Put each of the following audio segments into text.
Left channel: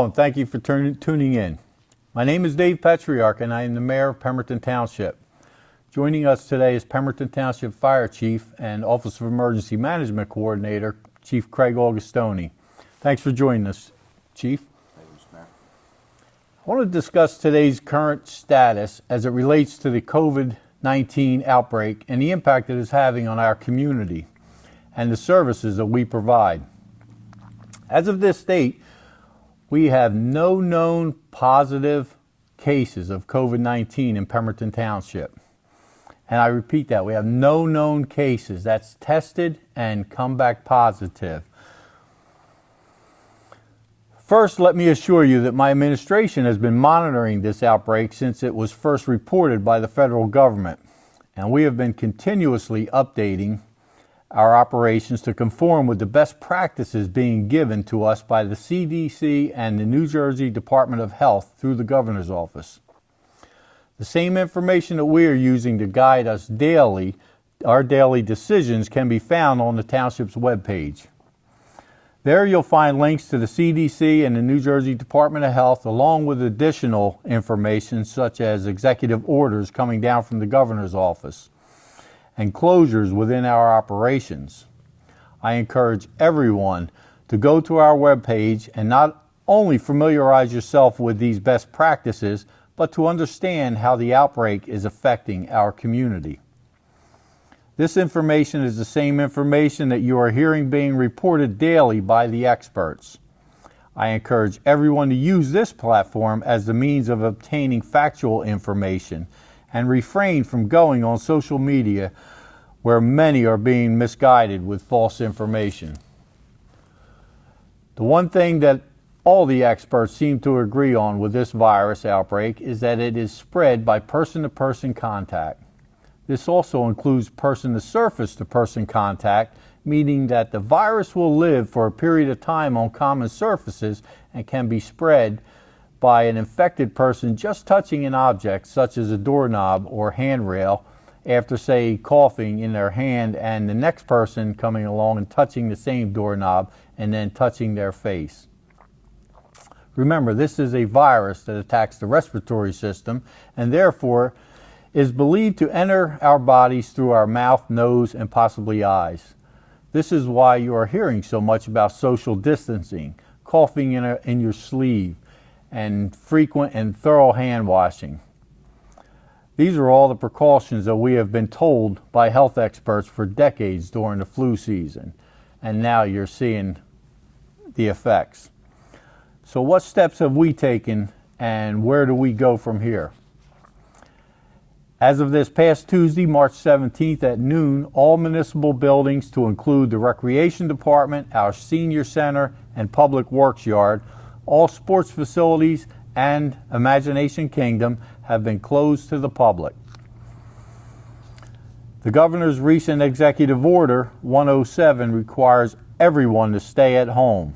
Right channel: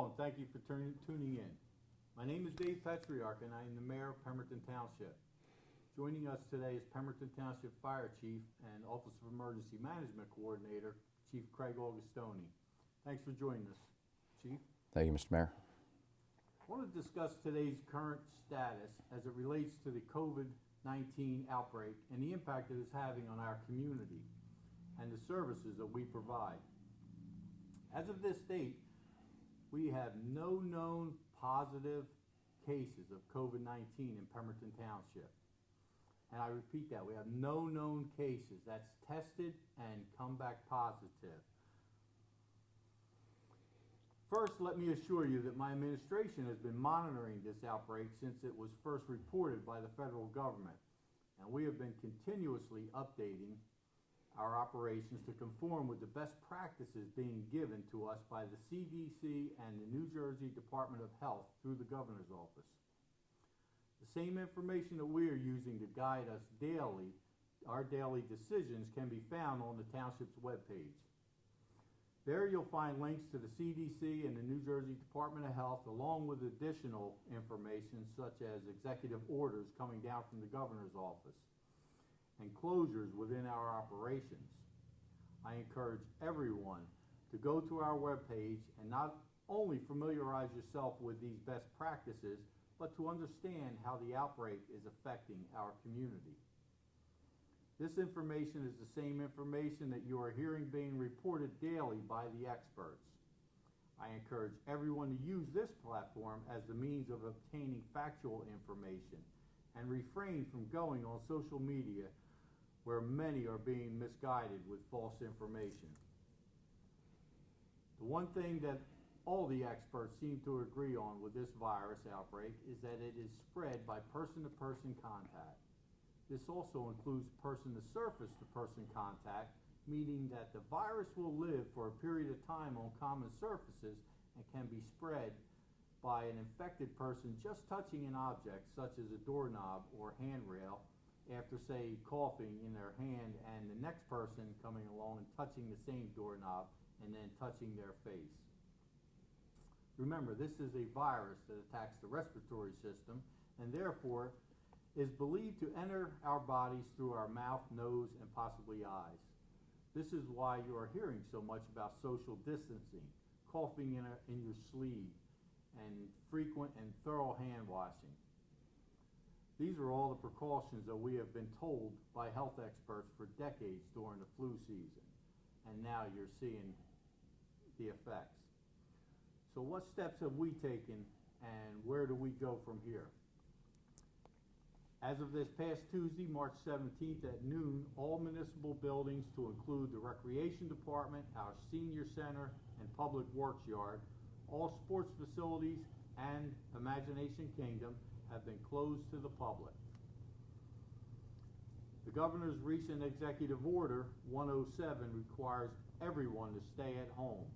Hello, and thank you for tuning in. My name is Dave Petriarch, and I am the Mayor of Pemberton Township. Joining us today is Pemberton Township Fire Chief and Office of Emergency Management Coordinator, Chief Craig Augustoni. Thanks for joining us, Chief. Thank you, Mr. Mayor. I want to discuss today's current status as it relates to the COVID-19 outbreak and the impact it is having on our community and the services that we provide. As of this date, we have no known positive cases of COVID-19 in Pemberton Township. And I repeat that, we have no known cases. That's tested and come back positive. First, let me assure you that my administration has been monitoring this outbreak since it was first reported by the federal government. And we have been continuously updating our operations to conform with the best practices being given to us by the CDC and the New Jersey Department of Health through the Governor's Office. The same information that we are using to guide us daily, our daily decisions, can be found on the Township's webpage. There you'll find links to the CDC and the New Jersey Department of Health, along with additional information such as executive orders coming down from the Governor's Office and closures within our operations. I encourage everyone to go to our webpage and not only familiarize yourself with these best practices, but to understand how the outbreak is affecting our community. This information is the same information that you are hearing being reported daily by the experts. I encourage everyone to use this platform as the means of obtaining factual information and refrain from going on social media where many are being misguided with false information. The one thing that all the experts seem to agree on with this virus outbreak is that it is spread by person-to-person contact. This also includes person-to-surface-to-person contact, meaning that the virus will live for a period of time on common surfaces and can be spread by an infected person just touching an object such as a doorknob or handrail after, say, coughing in their hand, and the next person coming along and touching the same doorknob and then touching their face. Remember, this is a virus that attacks the respiratory system and therefore is believed to enter our bodies through our mouth, nose, and possibly eyes. This is why you are hearing so much about social distancing, coughing in your sleeve, and frequent and thorough hand washing. These are all the precautions that we have been told by health experts for decades during the flu season, and now you're seeing the effects. So what steps have we taken, and where do we go from here? As of this past Tuesday, March 17th at noon, all municipal buildings, to include the Recreation Department, our Senior Center, and Public Works Yard, all sports facilities, and Imagination Kingdom have been closed to the public. The Governor's recent Executive Order 107 requires everyone to stay at home.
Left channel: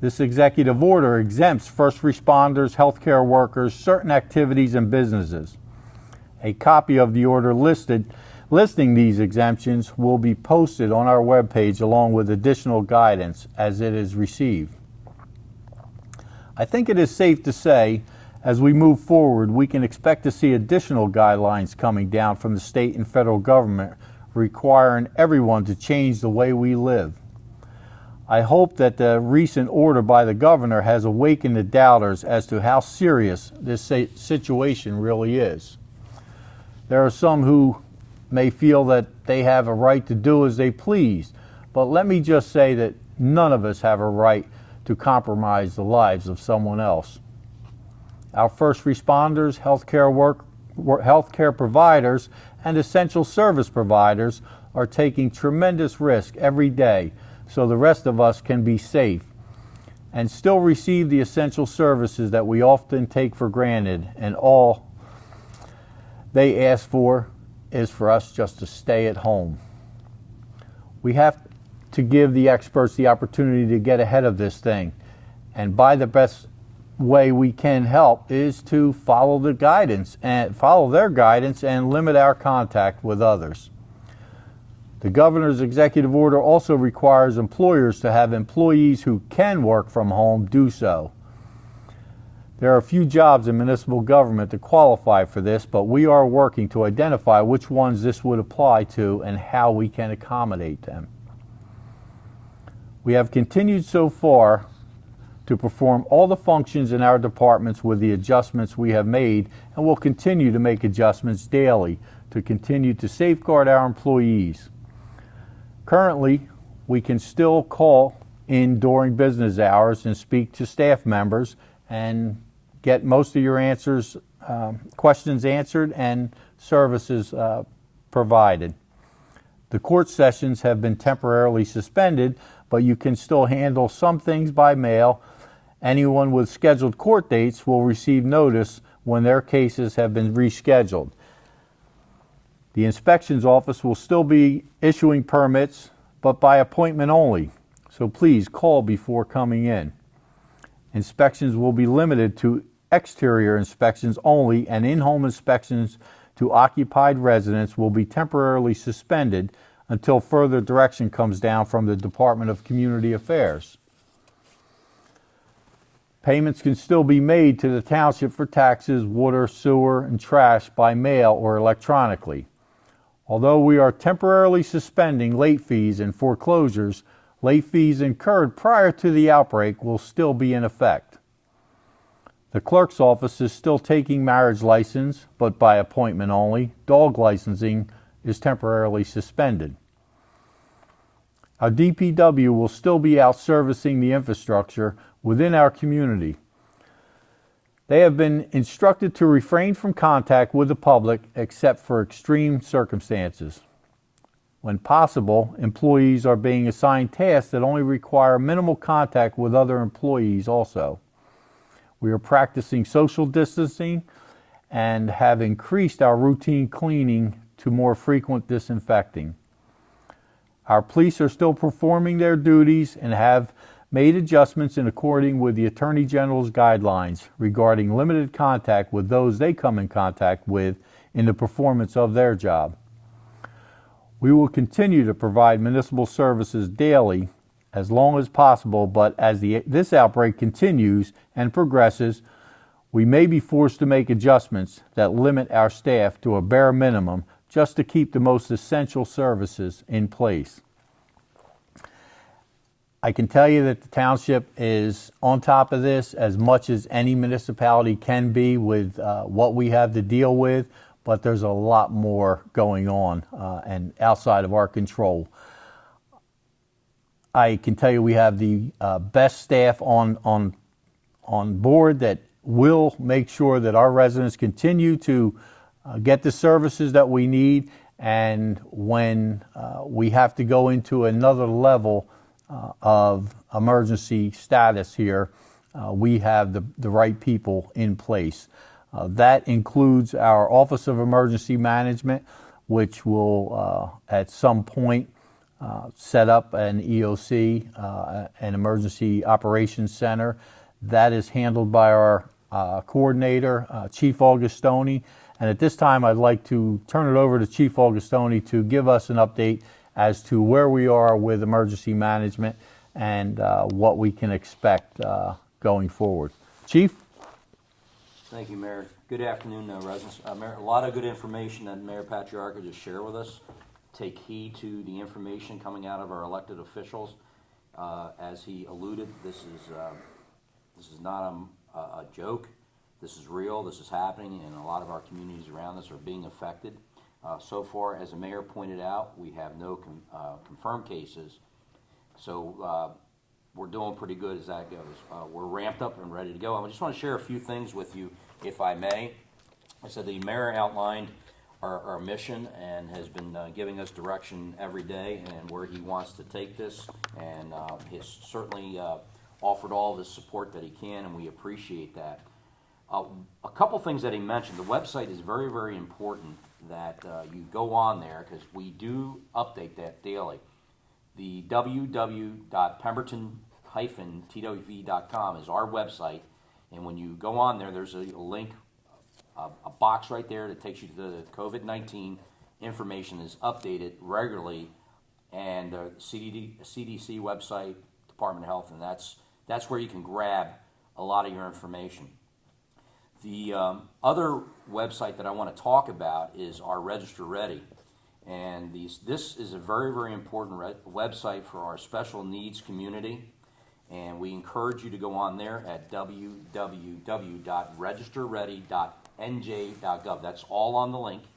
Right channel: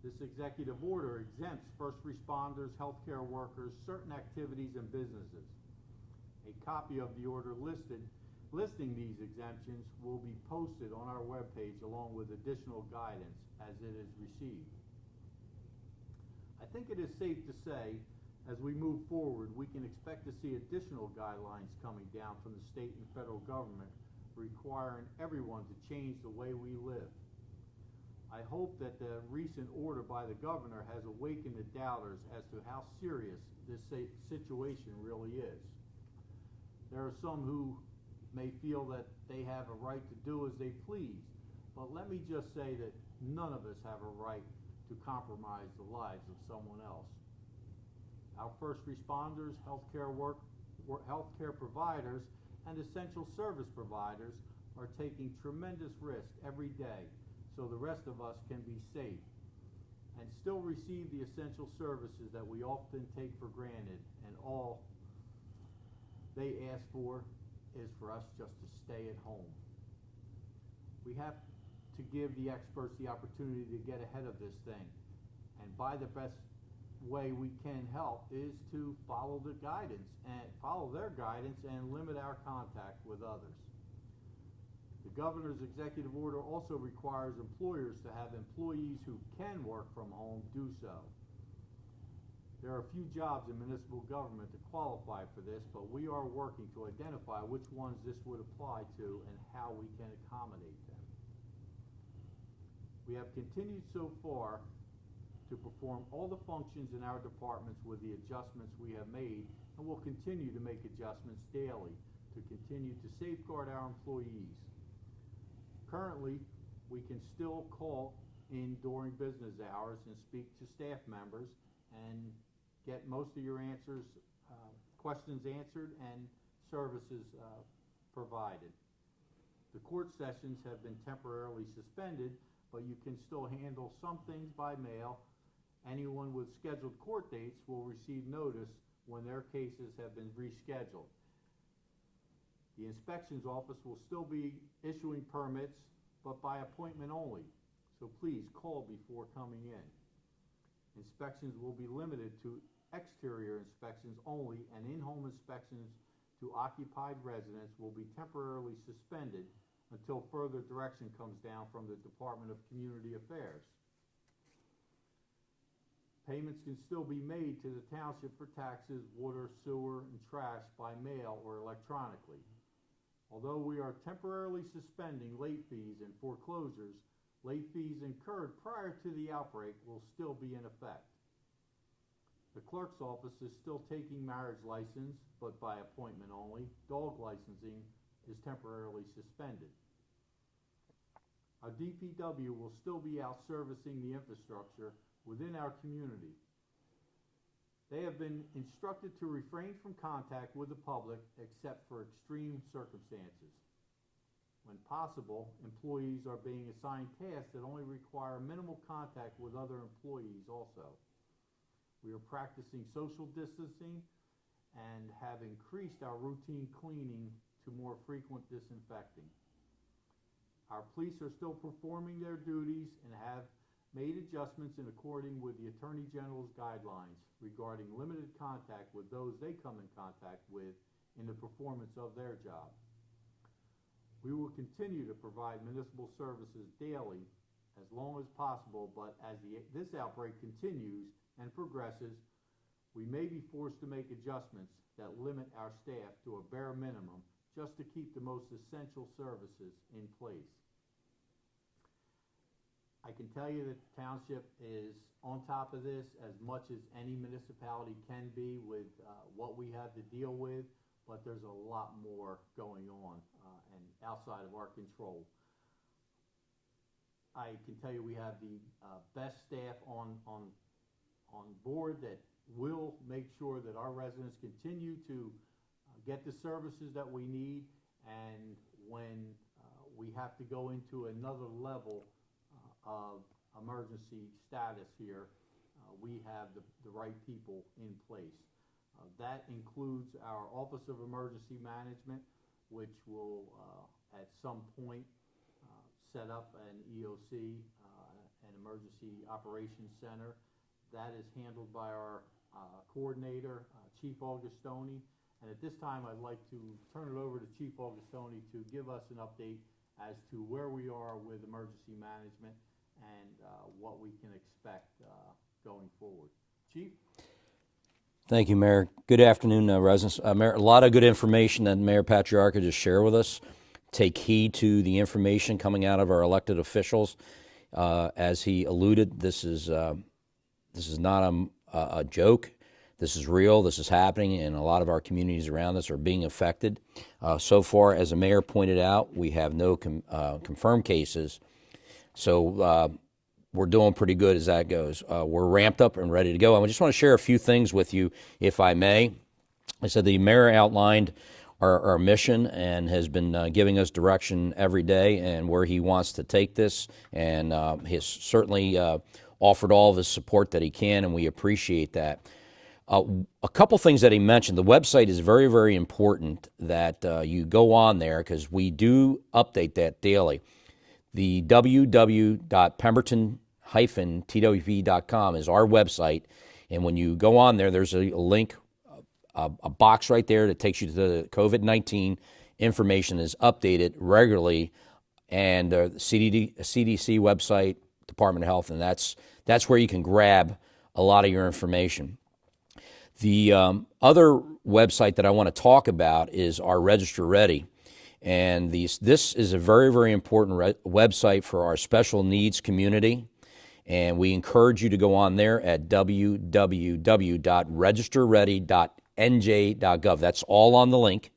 This executive order exempts first responders, healthcare workers, certain activities, and businesses. A copy of the order listing these exemptions will be posted on our webpage along with additional guidance as it is received. I think it is safe to say, as we move forward, we can expect to see additional guidelines coming down from the state and federal government requiring everyone to change the way we live. I hope that the recent order by the governor has awakened the doubters as to how serious this situation really is. There are some who may feel that they have a right to do as they please, but let me just say that none of us have a right to compromise the lives of someone else. Our first responders, healthcare providers, and essential service providers are taking tremendous risk every day so the rest of us can be safe and still receive the essential services that we often take for granted, and all they ask for is for us just to stay at home. We have to give the experts the opportunity to get ahead of this thing, and by the best way we can help is to follow their guidance and limit our contact with others. The governor's executive order also requires employers to have employees who can work from home do so. There are a few jobs in municipal government that qualify for this, but we are working to identify which ones this would apply to and how we can accommodate them. We have continued so far to perform all the functions in our departments with the adjustments we have made, and will continue to make adjustments daily to continue to safeguard our employees. Currently, we can still call in during business hours and speak to staff members and get most of your questions answered and services provided. The court sessions have been temporarily suspended, but you can still handle some things by mail. Anyone with scheduled court dates will receive notice when their cases have been rescheduled. The inspections office will still be issuing permits, but by appointment only, so please call before coming in. Inspections will be limited to exterior inspections only, and in-home inspections to occupied residents will be temporarily suspended until further direction comes down from the Department of Community Affairs. Payments can still be made to the township for taxes, water, sewer, and trash by mail or electronically. Although we are temporarily suspending late fees and foreclosures, late fees incurred prior to the outbreak will still be in effect. The clerk's office is still taking marriage license, but by appointment only. Dog licensing is temporarily suspended. Our DPW will still be out servicing the infrastructure within our community. They have been instructed to refrain from contact with the public except for extreme circumstances. When possible, employees are being assigned tasks that only require minimal contact with other employees also. We are practicing social distancing and have increased our routine cleaning to more frequent disinfecting. Our police are still performing their duties and have made adjustments in accordance with the Attorney General's guidelines regarding limited contact with those they come in contact with in the performance of their job. We will continue to provide municipal services daily as long as possible, but as this outbreak continues and progresses, we may be forced to make adjustments that limit our staff to a bare minimum just to keep the most essential services in place. I can tell you that the township is on top of this as much as any municipality can be with what we have to deal with, but there's a lot more going on and outside of our control. I can tell you we have the best staff on board that will make sure that our residents continue to get the services that we need, and when we have to go into another level of emergency status here, we have the right people in place. That includes our Office of Emergency Management, which will at some point set up an EOC, an Emergency Operations Center. That is handled by our coordinator, Chief Augustoni. And at this time, I'd like to turn it over to Chief Augustoni to give us an update as to where we are with emergency management and what we can expect going forward. Chief? Thank you, Mayor. Good afternoon, residents. Mayor, a lot of good information that Mayor Patriarca just shared with us. Take heed to the information coming out of our elected officials. As he alluded, this is not a joke. This is real. This is happening, and a lot of our communities around us are being affected. So far, as the mayor pointed out, we have no confirmed cases, so we're doing pretty good as that goes. We're ramped up and ready to go. I just want to share a few things with you, if I may. I said the mayor outlined our mission and has been giving us direction every day and where he wants to take this, and he's certainly offered all of his support that he can, and we appreciate that. A couple things that he mentioned. The website is very, very important that you go on there, because we do update that daily. The www.pemberton-twp.com is our website, and when you go on there, there's a link, a box right there that takes you to the COVID-19 information is updated regularly, and the CDC website, Department of Health, and that's where you can grab a lot of your information. The other website that I want to talk about is our Register Ready. And this is a very, very important website for our special needs community. And we encourage you to go on there at www.registerready.nj.gov. That's all on the link.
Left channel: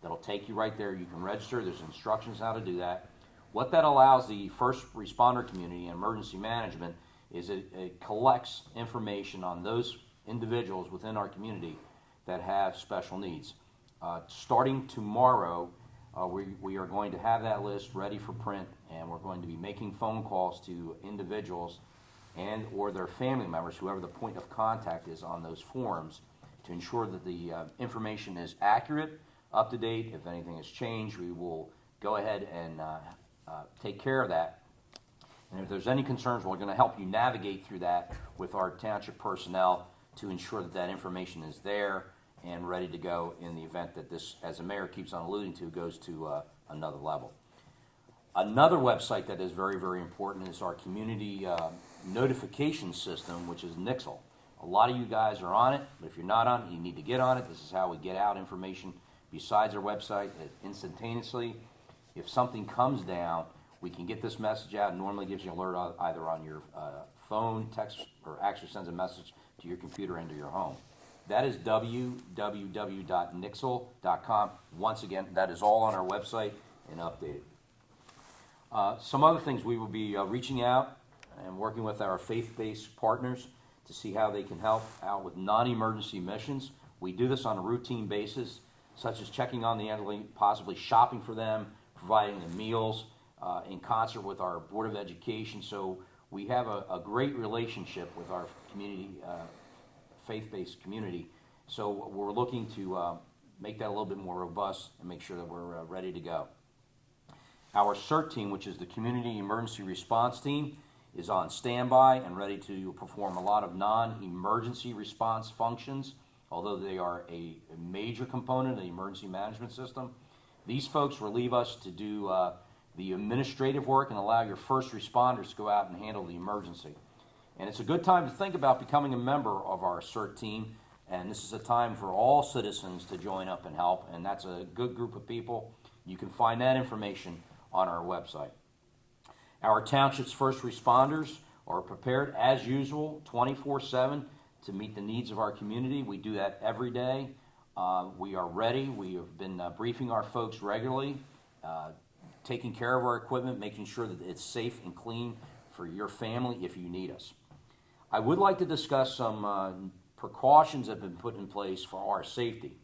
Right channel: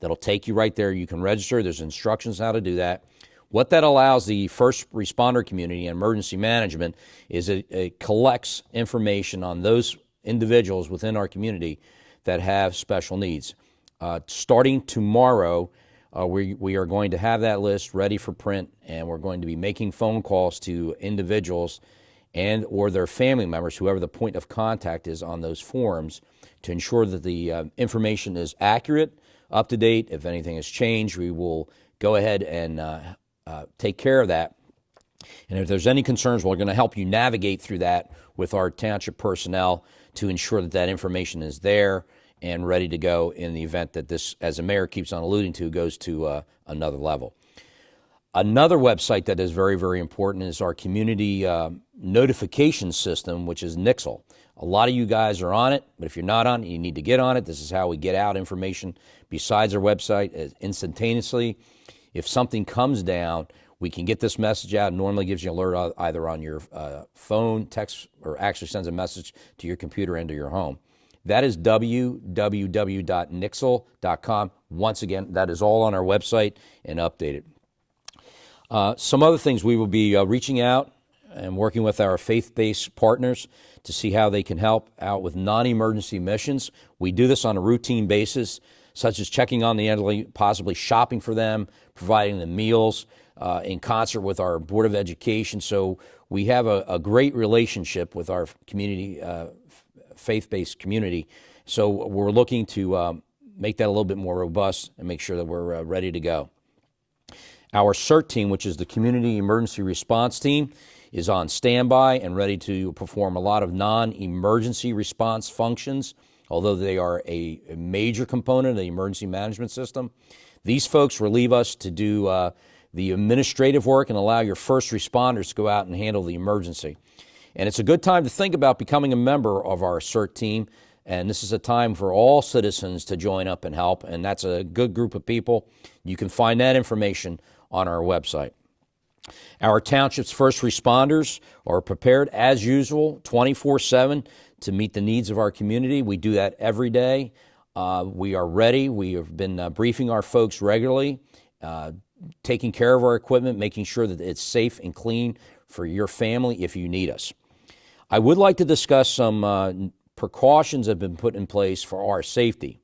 That'll take you right there. You can register. There's instructions how to do that. What that allows the first responder community and emergency management is it collects information on those individuals within our community that have special needs. Starting tomorrow, we are going to have that list ready for print, and we're going to be making phone calls to individuals and or their family members, whoever the point of contact is on those forms, to ensure that the information is accurate, up to date. If anything has changed, we will go ahead and take care of that. And if there's any concerns, we're going to help you navigate through that with our township personnel to ensure that that information is there and ready to go in the event that this, as the mayor keeps on alluding to, goes to another level. Another website that is very, very important is our community notification system, which is Nixle. A lot of you guys are on it, but if you're not on it, you need to get on it. This is how we get out information besides our website instantaneously. If something comes down, we can get this message out. It normally gives you an alert either on your phone, text, or actually sends a message to your computer and to your home. That is www.nixle.com. Once again, that is all on our website and updated. Some other things, we will be reaching out and working with our faith-based partners to see how they can help out with non-emergency missions. We do this on a routine basis, such as checking on the elderly, possibly shopping for them, providing them meals, in concert with our Board of Education. So we have a great relationship with our community, faith-based community. So we're looking to make that a little bit more robust and make sure that we're ready to go. Our CERT team, which is the Community Emergency Response Team, is on standby and ready to perform a lot of non-emergency response functions, although they are a major component of the emergency management system. These folks relieve us to do the administrative work and allow your first responders to go out and handle the emergency. And it's a good time to think about becoming a member of our CERT team, and this is a time for all citizens to join up and help, and that's a good group of people. You can find that information on our website. Our township's first responders are prepared as usual 24/7 to meet the needs of our community. We do that every day. We are ready. We have been briefing our folks regularly, taking care of our equipment, making sure that it's safe and clean for your family if you need us. I would like to discuss some precautions that have been put in place for our safety.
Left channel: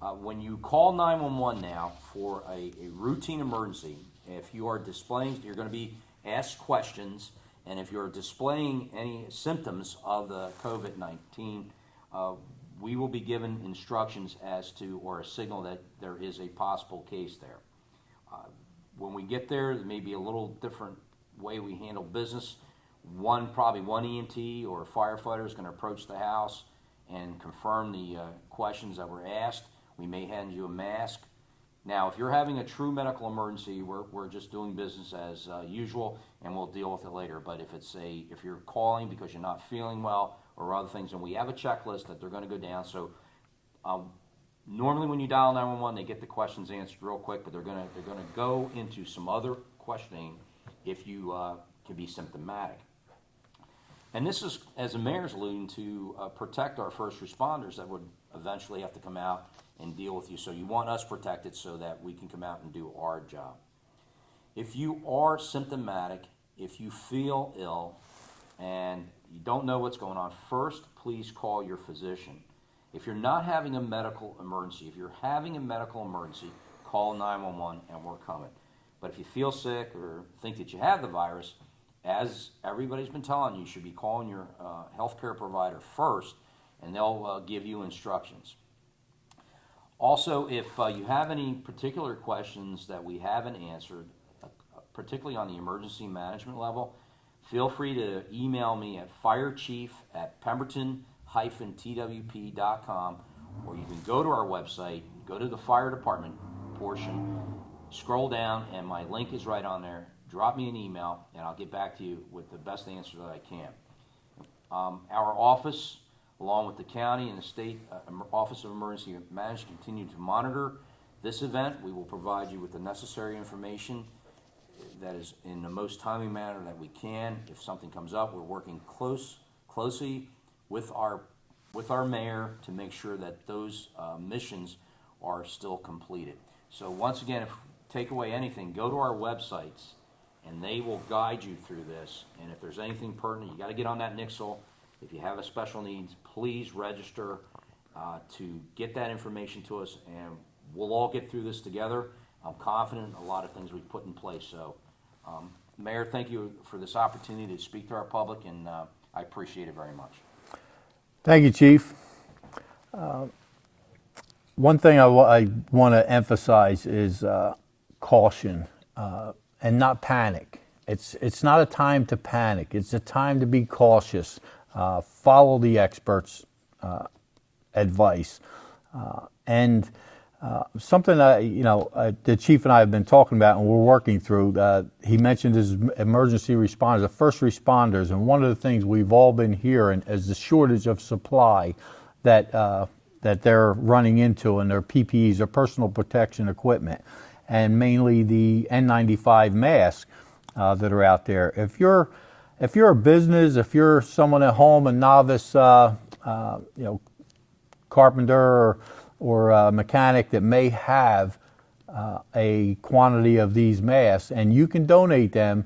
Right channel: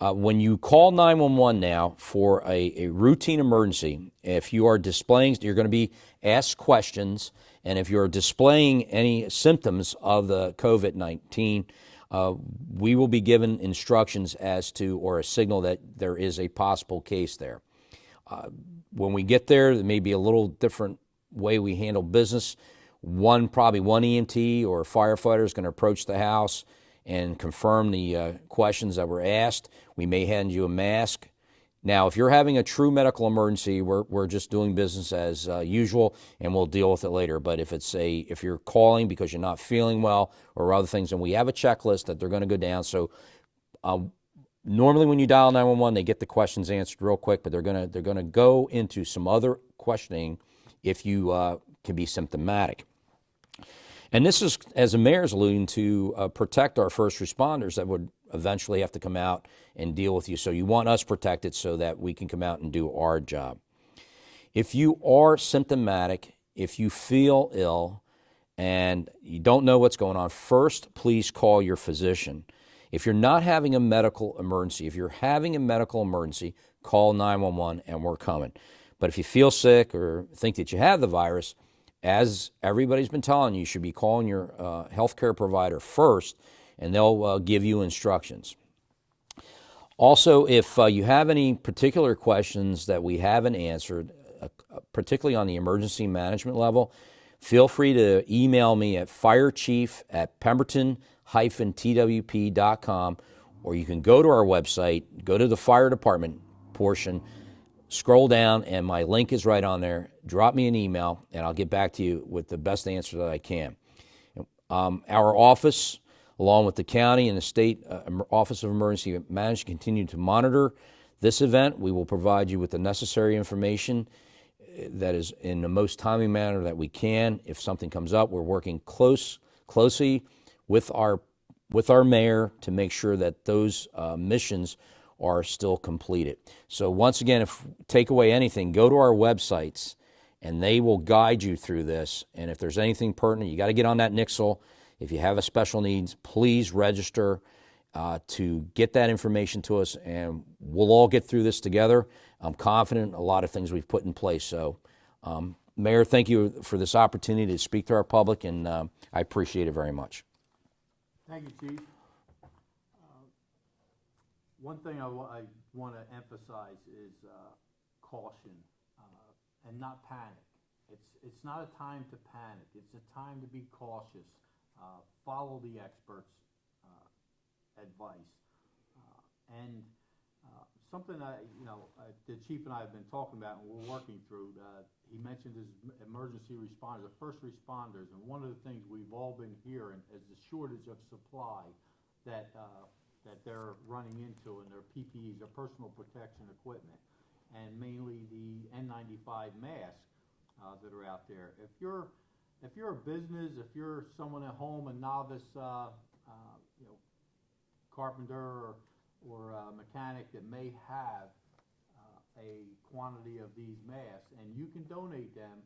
When you call 911 now for a routine emergency, if you are displaying, you're going to be asked questions, and if you're displaying any symptoms of the COVID-19, we will be given instructions as to, or a signal that there is a possible case there. When we get there may be a little different way we handle business. Probably one EMT or firefighter is going to approach the house and confirm the questions that were asked. We may hand you a mask. Now, if you're having a true medical emergency, we're just doing business as usual, and we'll deal with it later. But if you're calling because you're not feeling well or other things, and we have a checklist that they're going to go down. So normally when you dial 911, they get the questions answered real quick, but they're going to go into some other questioning if you can be symptomatic. And this is, as the mayor's alluding to, protect our first responders that would eventually have to come out and deal with you. So you want us protected so that we can come out and do our job. If you are symptomatic, if you feel ill, and you don't know what's going on, first, please call your physician. If you're not having a medical emergency, if you're having a medical emergency, call 911 and we're coming. But if you feel sick or think that you have the virus, as everybody's been telling you, you should be calling your healthcare provider first, and they'll give you instructions. Also, if you have any particular questions that we haven't answered, particularly on the emergency management level, feel free to email me at firechief@pemberton-twp.com, or you can go to our website, go to the fire department portion, scroll down, and my link is right on there. Drop me an email, and I'll get back to you with the best answer that I can. Our office along with the county and the state Office of Emergency Management, continue to monitor this event. We will provide you with the necessary information that is in the most timely manner that we can. If something comes up, we're working closely with our mayor to make sure that those missions are still completed. So once again, if take away anything, go to our websites and they will guide you through this. And if there's anything pertinent, you got to get on that Nixle. If you have a special needs, please register to get that information to us, and we'll all get through this together. I'm confident in a lot of things we've put in place. So, Mayor, thank you for this opportunity to speak to our public, and I appreciate it very much. Thank you, Chief. One thing I want to emphasize is caution and not panic. It's not a time to panic. It's a time to be cautious. Follow the experts' advice. And something that, the Chief and I have been talking about and we're working through, he mentioned his emergency responders, the first responders, and one of the things we've all been hearing is the shortage of supply that they're running into in their PPEs, their personal protection equipment, and mainly the N95 masks that are out there. If you're a business, if you're someone at home, a novice, carpenter or a mechanic that may have a quantity of these masks and you can donate them,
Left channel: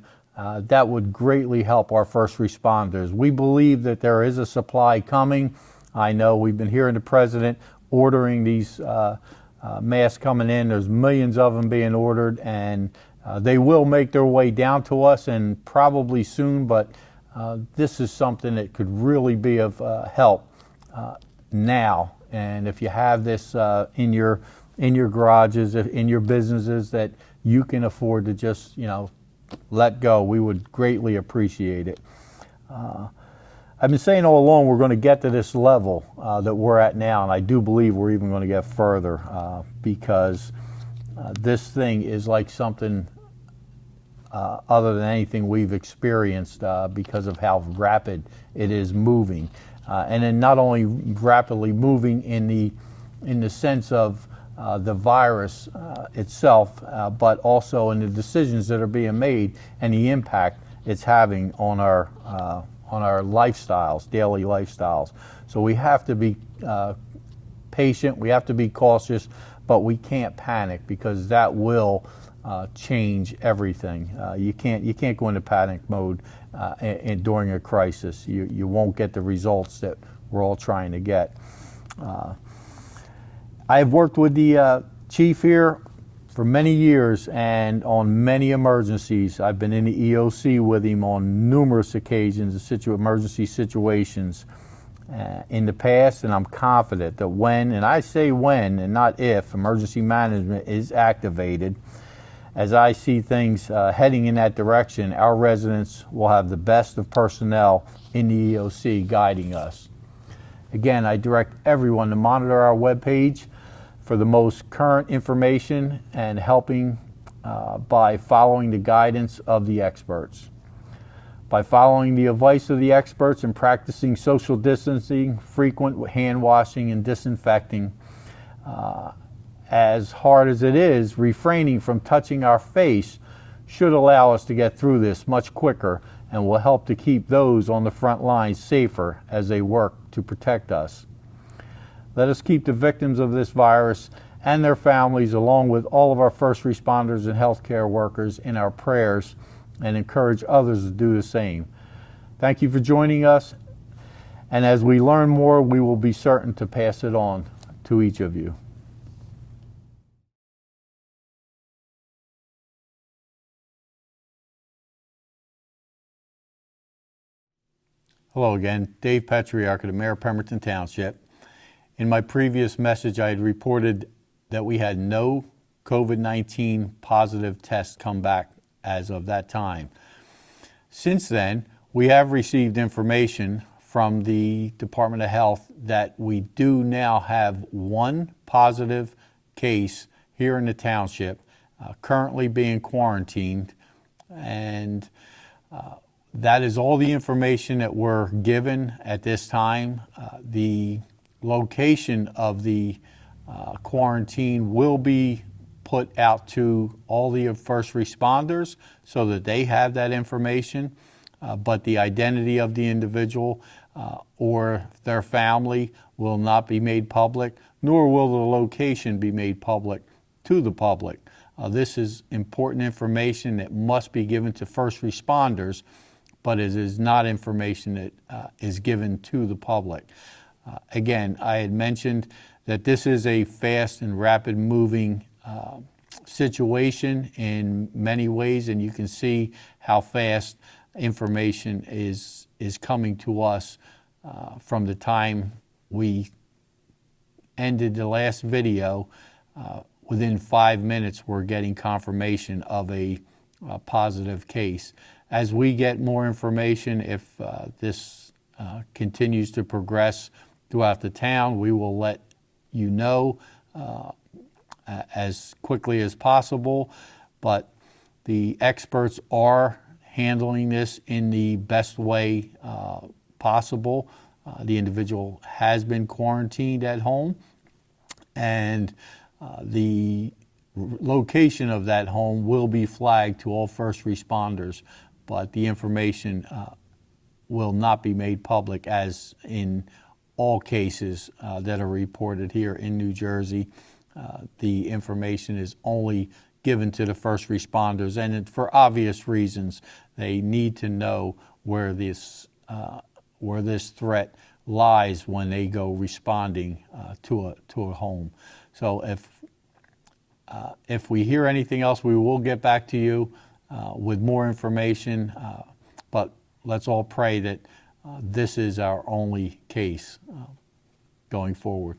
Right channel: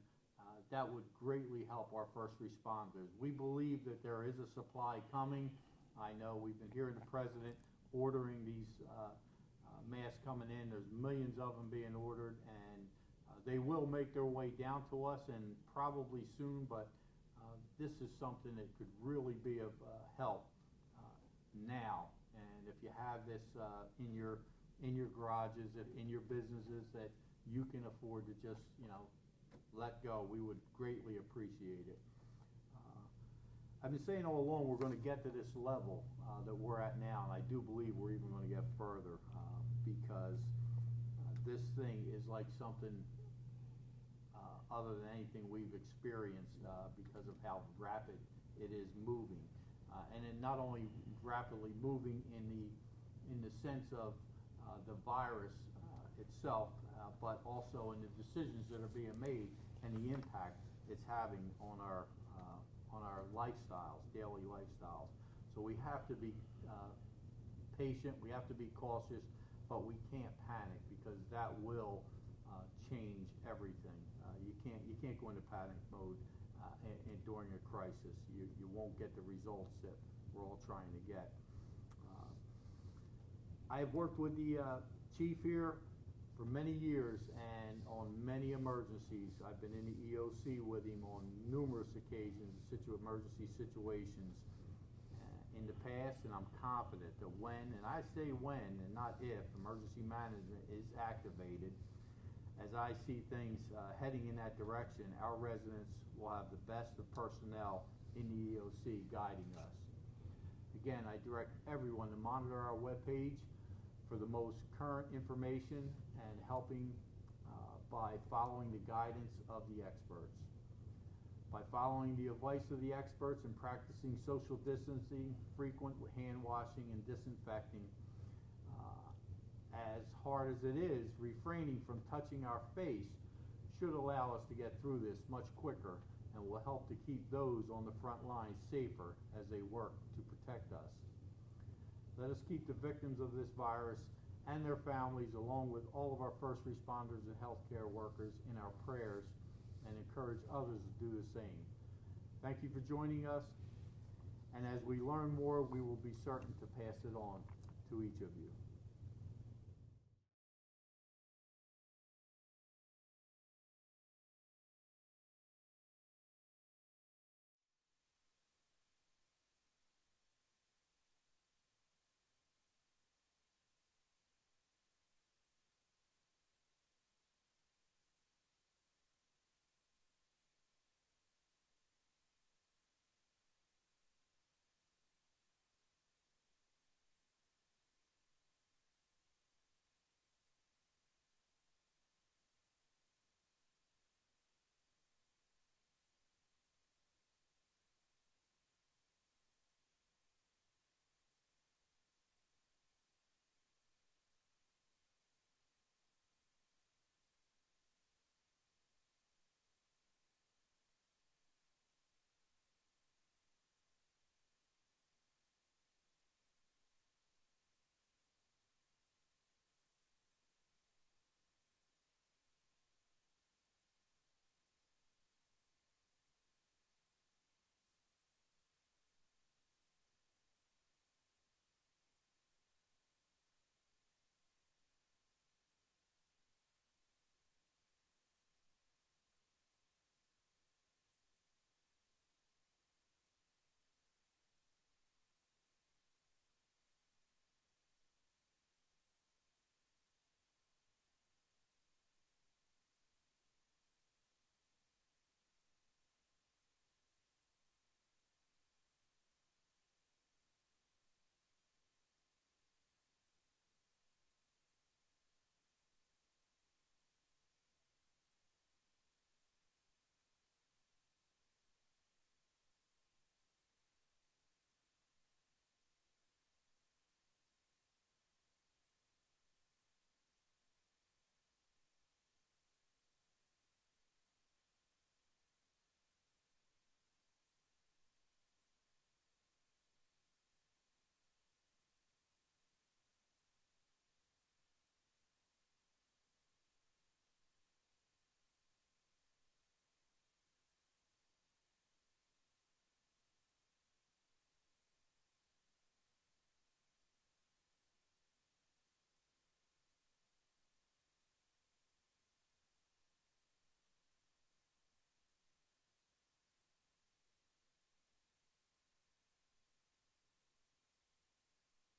that would greatly help our first responders. We believe that there is a supply coming. I know we've been hearing the president ordering these masks coming in. There's millions of them being ordered, and they will make their way down to us, and probably soon, but this is something that could really be of help now. And if you have this in your garages, in your businesses that you can afford to just let go, we would greatly appreciate it. I've been saying all along we're going to get to this level that we're at now, and I do believe we're even going to get further because this thing is like something other than anything we've experienced because of how rapid it is moving. And then not only rapidly moving in the sense of the virus itself, but also in the decisions that are being made and the impact it's having on our lifestyles, daily lifestyles. So we have to be patient, we have to be cautious, but we can't panic because that will change everything. You can't go into panic mode during a crisis. You won't get the results that we're all trying to get. I've worked with the chief here for many years, and on many emergencies. I've been in the EOC with him on numerous occasions, emergency situations in the past, and I'm confident that when, and I say when and not if, emergency management is activated, as I see things heading in that direction, our residents will have the best of personnel in the EOC guiding us. Again, I direct everyone to monitor our webpage for the most current information and helping by following the guidance of the experts. By following the advice of the experts and practicing social distancing, frequent hand washing and disinfecting, as hard as it is, refraining from touching our face should allow us to get through this much quicker and will help to keep those on the front lines safer as they work to protect us. Let us keep the victims of this virus and their families, along with all of our first responders and healthcare workers, in our prayers and encourage others to do the same. Thank you for joining us, and as we learn more, we will be certain to pass it on to each of you. Hello again, Dave Petriarca, the Mayor of Pemberton Township. In my previous message, I had reported that we had no COVID-19 positive tests come back as of that time. Since then, we have received information from the Department of Health that we do now have one positive case here in the township, currently being quarantined, and That is all the information that we're given at this time. The location of the quarantine will be put out to all the first responders so that they have that information, but the identity of the individual or their family will not be made public, nor will the location be made public to the public. This is important information that must be given to first responders, but it is not information that is given to the public. Again, I had mentioned that this is a fast and rapid moving situation in many ways, and you can see how fast information is coming to us from the time we ended the last video. Within 5 minutes, we're getting confirmation of a positive case. As we get more information, if this continues to progress throughout the town, we will let you know as quickly as possible. But the experts are handling this in the best way possible. The individual has been quarantined at home, and the location of that home will be flagged to all first responders, but the information will not be made public, as in all cases that are reported here in New Jersey. The information is only given to the first responders, and for obvious reasons. They need to know where this threat lies when they go responding to a home. So if we hear anything else, we will get back to you with more information, but let's all pray that this is our only case going forward.